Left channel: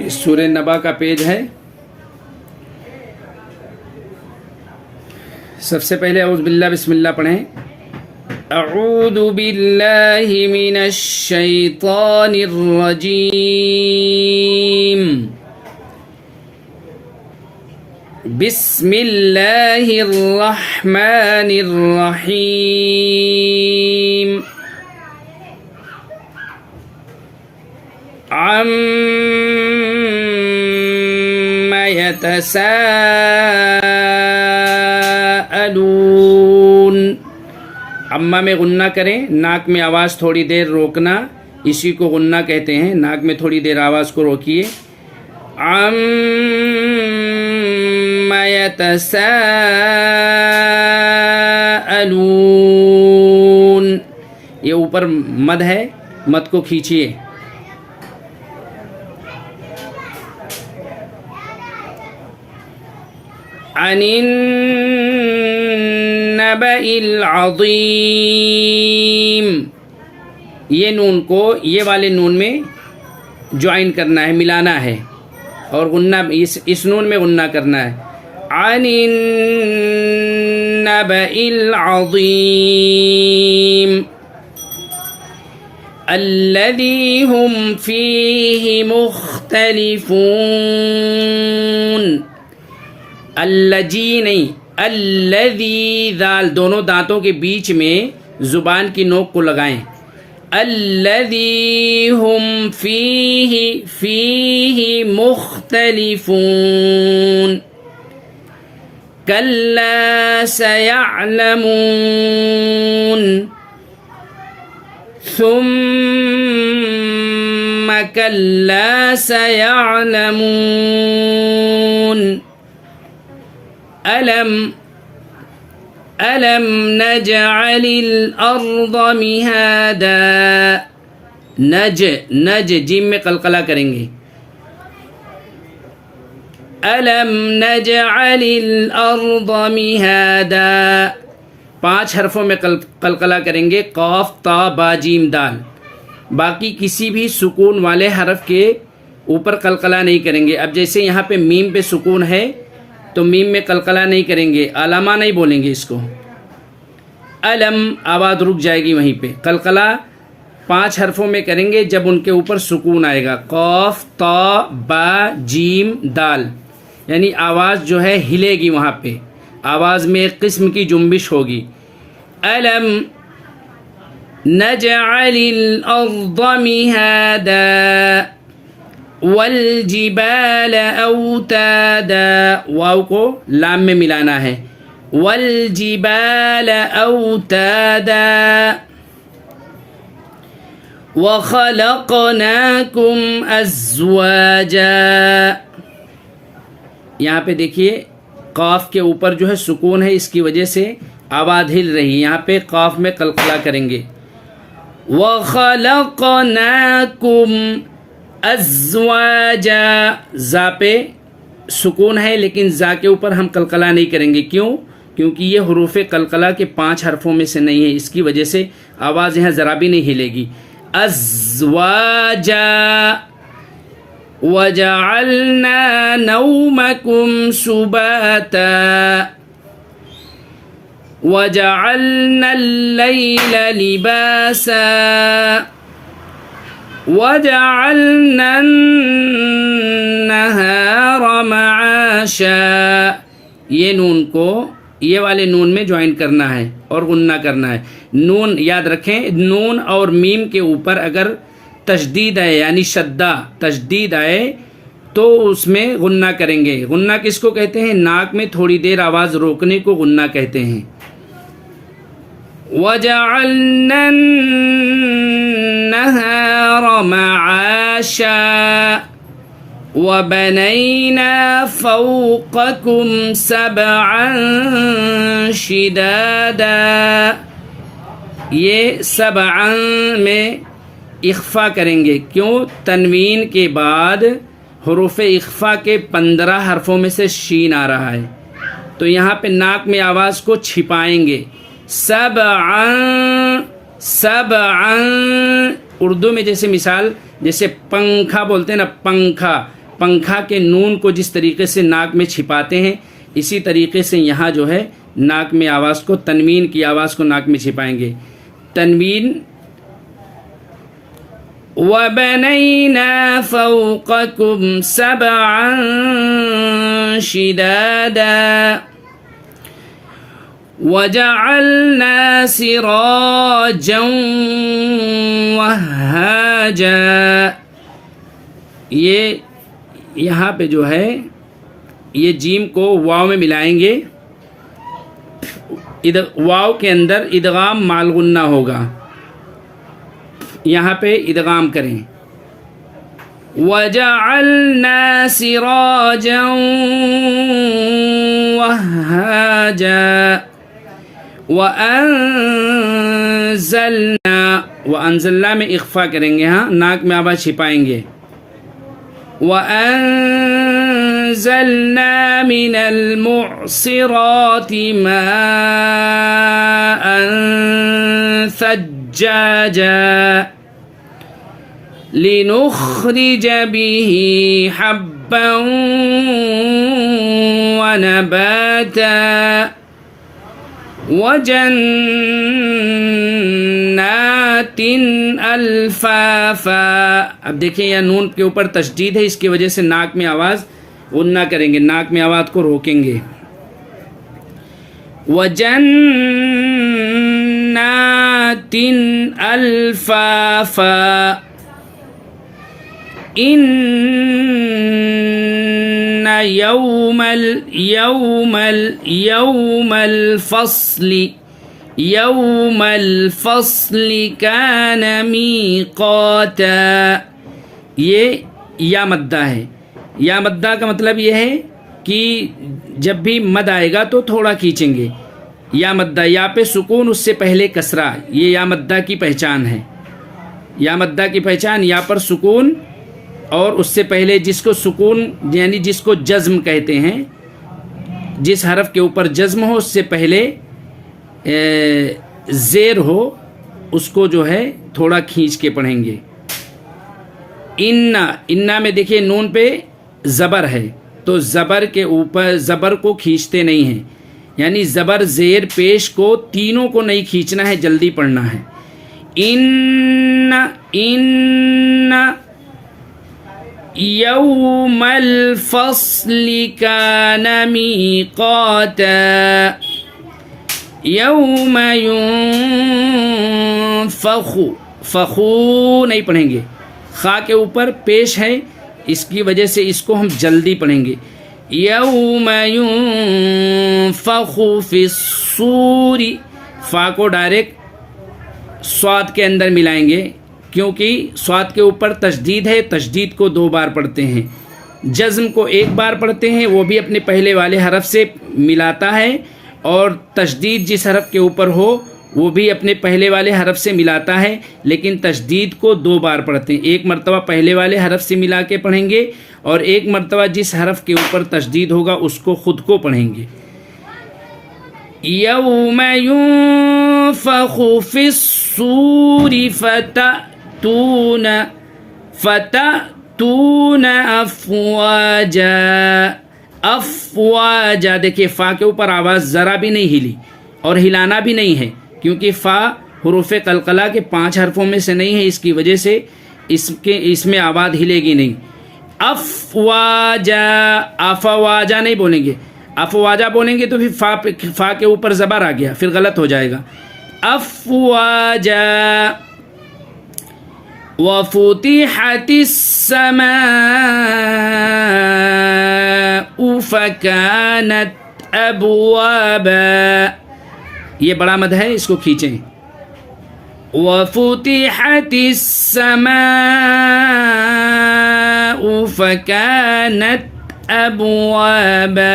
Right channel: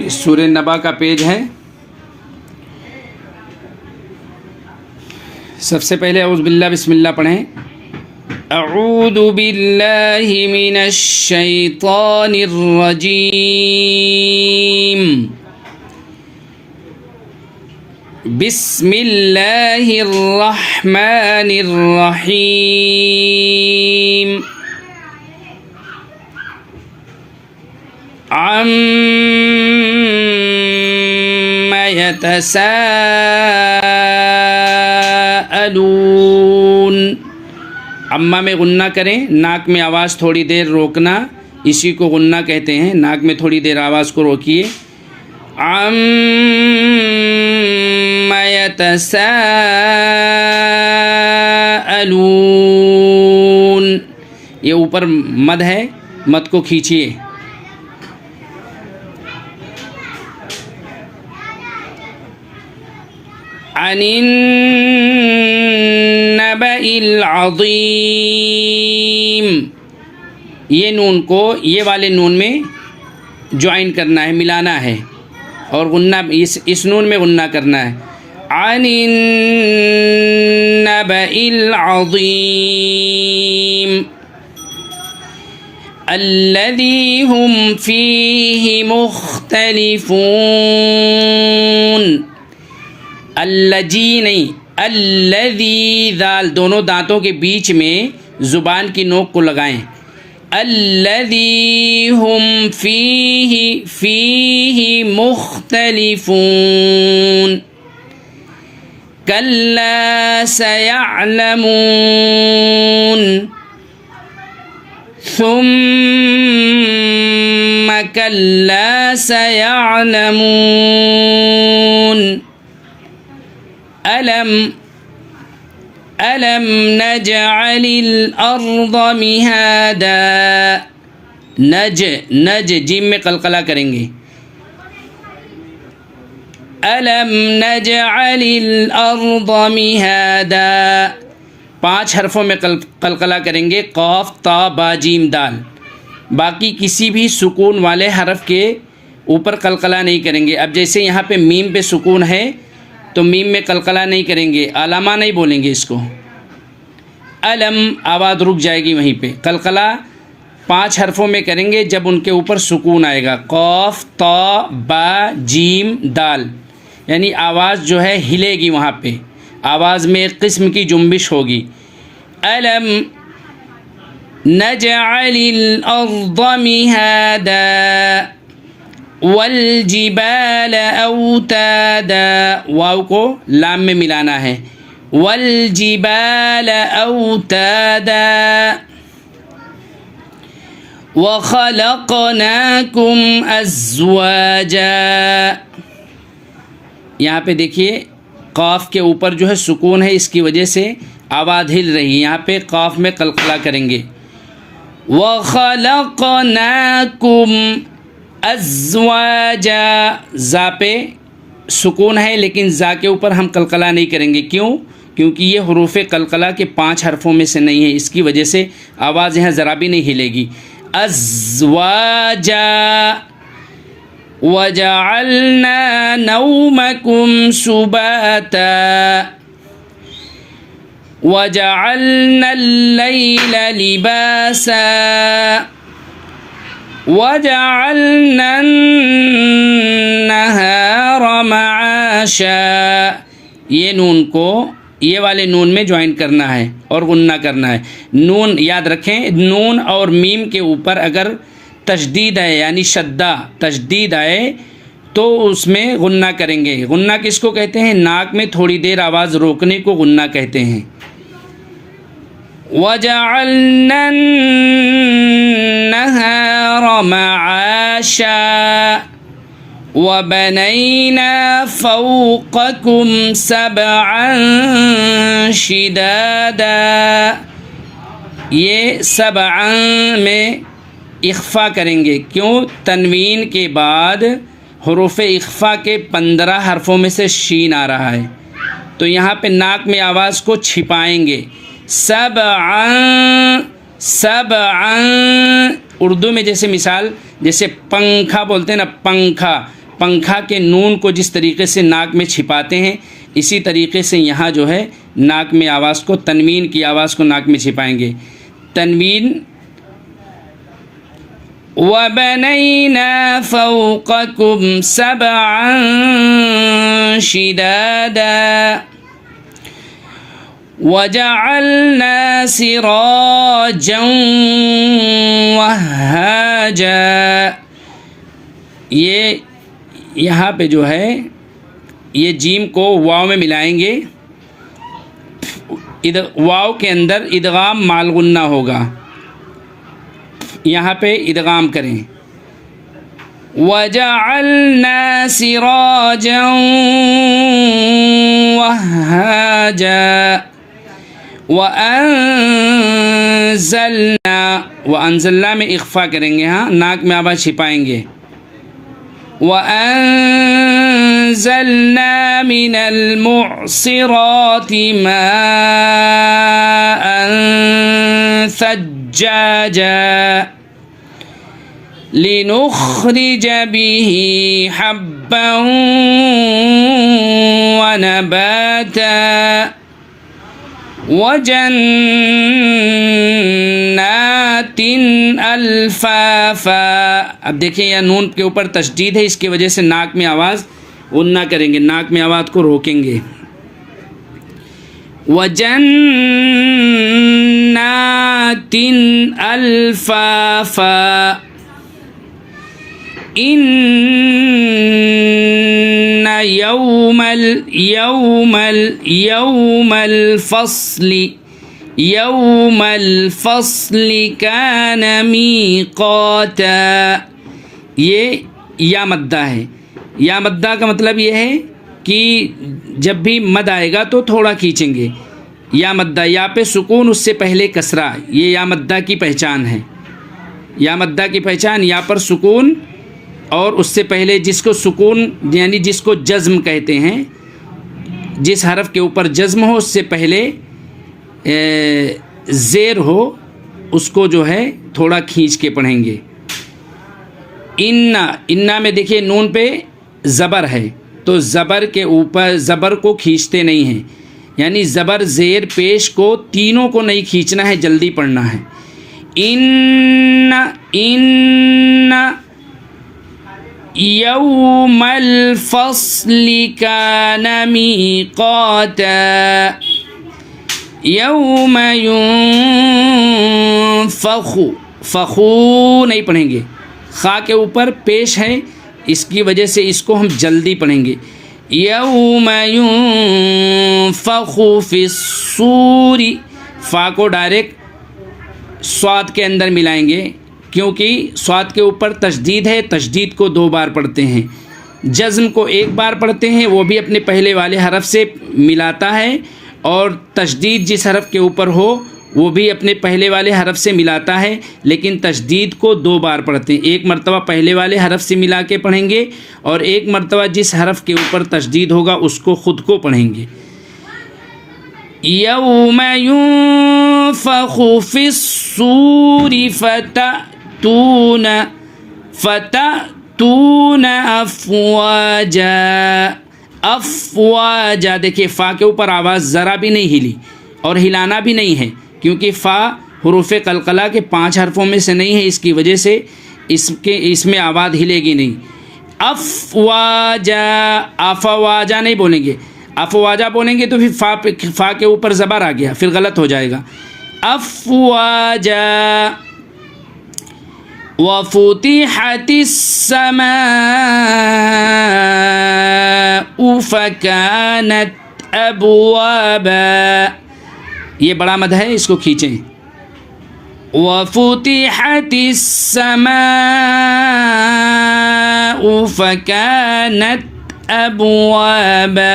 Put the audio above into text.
سورہ نبا کا پیج ہے. سب سے پہلے اعوذ باللہ بسم اللہ پڑھیں. اعوذ باللہ من الشیطان الرجیم. بسم اللہ الرحمن الرحیم. عَمَّ يَتَسَاءَلُونَ. عَمَّ میں غنہ کریں، ناک میں آواز تھوڑی دیر روکنا، اسی کو غنہ کہتے ہیں. ناک میں تھوڑی دیر آواز کو روکیے. عَمَّ يَتَسَاءَلُونَ. یہ اوپر مد ہے، مد کو کھینچیے. عن النبأ العظیم. یہ نون کو یہ والے نون میں جوائن کرنا ہے، ملانا ہے، اور غنہ اس نون میں غنہ کرنا ہے. عن النبأ العظیم الذی هم فیہ مختلفون. الجی نہیں، الذی، ذال دونوں دانتوں کے بیچ میں زبان کی نوک کو لگائیں. الذی ہم فیہ مختلفون. کلا سیعلمون ثم کلا سیعلمون. ألم نجعل الأرض مهادا. نج جیم میں قلقلہ کریں گے. ألم نجعل الأرض مهادا. 5 حرفوں میں قلقلہ کریں گے، قاف تا با جیم دال. باقی کسی بھی سکون والے حرف کے اوپر قلقلہ نہیں کریں گے. اب جیسے یہاں پہ میم پہ سکون ہے تو میم میں قلقلہ نہیں کریں گے، علامہ نہیں بولیں گے اس کو. علم آواز رک جائے گی وہیں پہ. قلقلہ 5 حرفوں میں کریں گے جب ان کے اوپر سکون آئے گا. قاف تا با جیم دال، یعنی آواز جو ہے ہلے گی، وہاں پہ آواز میں ایک قسم کی جنبش ہوگی. علم نجعل الارض مہادا والجبال اوتادا. واو کو لام میں ملانا ہے. والجبال اوتادا وخلقناکم ازواجا. یہاں پہ دیکھیے قاف کے اوپر جو ہے سکون ہے، اس کی وجہ سے آواز ہل رہی ہے. یہاں پہ قاف میں قلقلہ کریں گے. وخلقناکم ازواجا. زا پہ سکون ہے لیکن زا کے اوپر ہم قلقلہ نہیں کریں گے. کیوں؟ کیونکہ یہ حروف قلقلہ کے 5 حرفوں میں سے نہیں ہے، اس کی وجہ سے آواز یہاں ذرا بھی نہیں ہلے گی. ازواجا وجعلنا نومکم سباتا وجعلنا اللیل لباسا وَجَعَلْنَا النَّهَارَ مَعَاشًا. یہ نون کو یہ والے نون میں جوائن کرنا ہے اور غنہ کرنا ہے. نون یاد رکھیں، نون اور میم کے اوپر اگر تشدید ہے یعنی شدہ تشدید آئے تو اس میں غنہ کریں گے. غنہ کس کو کہتے ہیں؟ ناک میں تھوڑی دیر آواز روکنے کو غنہ کہتے ہیں. وَجَعَلْنَا النَّهَارَ مَعَاشًا وَبَنَيْنَا فَوْقَكُمْ سَبْعًا شِدَادًا. یہ سبعًا میں اخفا کریں گے. کیوں؟ تنوین کے بعد حروف اخفا کے 15 حرفوں میں سے شین آ رہا ہے، تو یہاں پہ ناک میں آواز کو چھپائیں گے. سبعًا سبعًا. اردو میں جیسے مثال، جیسے پنکھا بولتے ہیں نا، پنکھا، पंखा के नून को जिस तरीके से नाक में छिपाते हैं, इसी तरीके से यहाँ जो है नाक में आवाज़ को, तनवीन की आवाज़ को नाक में छिपाएंगे। तनवीन वबनैना फौक़कुम सबअन शिदादा वजअलना सिराजन वहाजा। ये यहाँ पे जो है ये जीम को वाव में मिलाएंगे, वाव के अंदर इदगाम माल गुन्ना होगा, यहाँ पे इदगाम करें। वजअलना सिराजन वहाजा वअंज़लना में इख्फा करेंगे, हाँ नाक में आवाज़ छिपाएंगे। वअंज़लना मिनल मुअसिराति माअन सज्जाजा लिनुख़रिज बिही हब्बन व नबाता वजन्नातिन अल्फाफा। अब देखिए यहाँ नून के ऊपर तशदीद है, इसकी वजह से नाक में आवाज़ गुन्ना करेंगे, नाक में आवाज़ को रोकेंगे। वजन्नातिन अल्फाफा इन्ना यौमल फ़स्ली कान मीक़ाता। ये या मद्दा है। या मद्दा का मतलब ये है कि जब भी मद आएगा तो थोड़ा खींचेंगे। या मद्दा, या पे सुकून उससे पहले कसरा, ये या मद्दा की पहचान है। या मद्दा की पहचान या पर सुकून और उससे पहले जिसको सुकून यानी जिसको जज़्म कहते हैं, जिस हरफ के ऊपर जज़्म हो उससे पहले ज़ेर हो, उसको जो है थोड़ा खींच के पढ़ेंगे। इन्ना में देखिए नून पे ज़बर है, तो ज़बर के ऊपर ज़बर को खींचते नहीं हैं, यानी ज़बर ज़ेर पेश को तीनों को नहीं खींचना है, जल्दी पढ़ना है। इन्ना यौमल फ़स्ली कान मीक़ाता यौम युनफ़ख़ु, फ़ख़ु नहीं पढ़ेंगे, खा के ऊपर पेश है, इसकी वजह से इसको हम जल्दी पढ़ेंगे। यौम युनफ़ख़ु फ़िस्सूरी, फ़ा को डायरेक्ट स्वाद के अंदर मिलाएंगे, क्योंकि स्वाद के ऊपर तशदीद है, तशदीद को 2 बार पढ़ते हैं। जज़्म को 1 बार पढ़ते हैं, वो भी अपने पहले वाले हरफ से मिलाता है, और तशदीद जिस हरफ के ऊपर हो वो भी अपने पहले वाले हरफ से मिलाता है, लेकिन तशदीद को 2 बार पढ़ते हैं। 1 मरतबा पहले वाले हरफ से मिला के पढ़ेंगे, और 1 मरतबा जिस हरफ के ऊपर तशदीद होगा उसको ख़ुद को पढ़ेंगे। यौम युनफ़ख़ु फ़िस्सूरी फ़तअतून अफ़वाजा। अफ़वाजा, देखिए फ़ा के ऊपर आवाज़ ज़रा भी नहीं हिली और हिलाना भी नहीं है, क्योंकि फ़ा हुरूफ़ क़लक़ला के 5 हरफों में से नहीं है, इसकी वजह से इसमें आवाज़ हिलेगी नहीं। अफ़वाजा, अफ़वाजा नहीं बोलेंगे, अफ़वाजा बोलेंगे तो फिर फ़ा के ऊपर ज़बर आ गया, फिर गलत हो जाएगा। अफ़वाजा वफ़ुतिहतिस समाउ फ़कानत अबवाबा, ये बड़ा मद है, इसको खींचें। वफ़ुतिहतिस समाउ फ़कानत अबवाबा,